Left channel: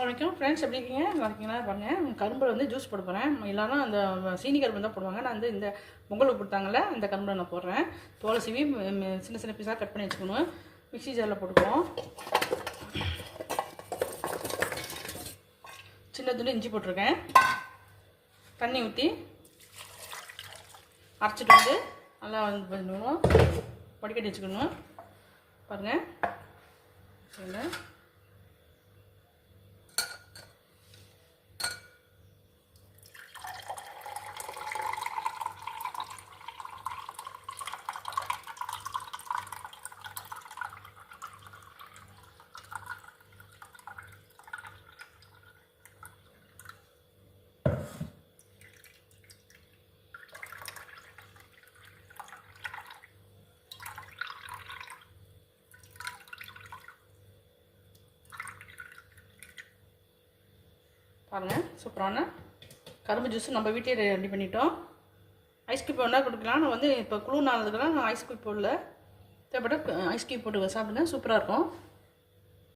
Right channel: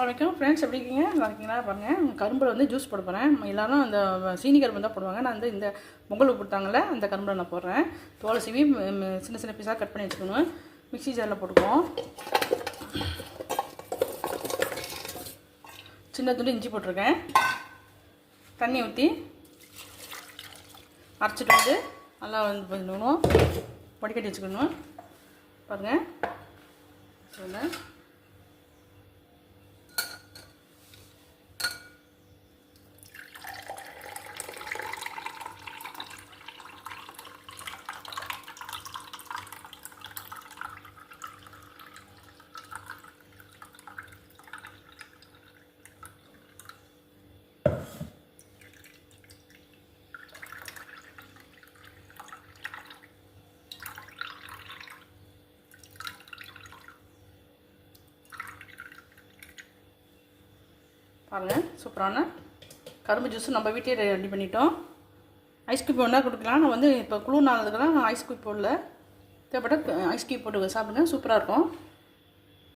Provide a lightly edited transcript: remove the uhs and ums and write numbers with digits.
வணக்கம் ஃப்ரெண்ட்ஸ், எப்படி இருக்கீங்க? நல்லா இருக்கீங்களா? பாருங்கள், கரும்பில் வந்து ஜூஸ் போட போகிறேன். எல்லோரும் அந்த சீனி கரும்பு தான் போடுவாங்க. நான் வந்து இந்த பொங்கலுக்கு கொடுத்தாங்கள அந்த கரும்பில் நான் போடுறேன். தோலை சீவி சின்ன சின்ன பீஸாக கட் பண்ணி வச்சுக்கணும். மிக்ஸி ஜாரில் போட்டுக்குவோம். சின்ன துண்டு இஞ்சி போட்டிருக்கேன். தண்ணி ஊற்றி அரைச்சிட்டு வந்து நல்லா வந்து பண்ணணும், வடிகட்டி வச்சுக்கணும். பாருங்கள், சொல்லுங்கள். பாருங்கள், சூப்பரான கரும்பு ஜூஸ் நம்ம வீட்டிலே ரெடி பண்ணிட்டோம். ஐஸ் கியூப் ஒன்றா கொடுக்கலாம். நான் வந்து இப்போ குளிர் நாளதுக்கெல்லாம் ஐஸ் கியூப் போடல, தேவைப்பட்ட ஐஸ் கியூப் போட்டு சாப்பிடுங்க, சூப்பராக இருக்கும்.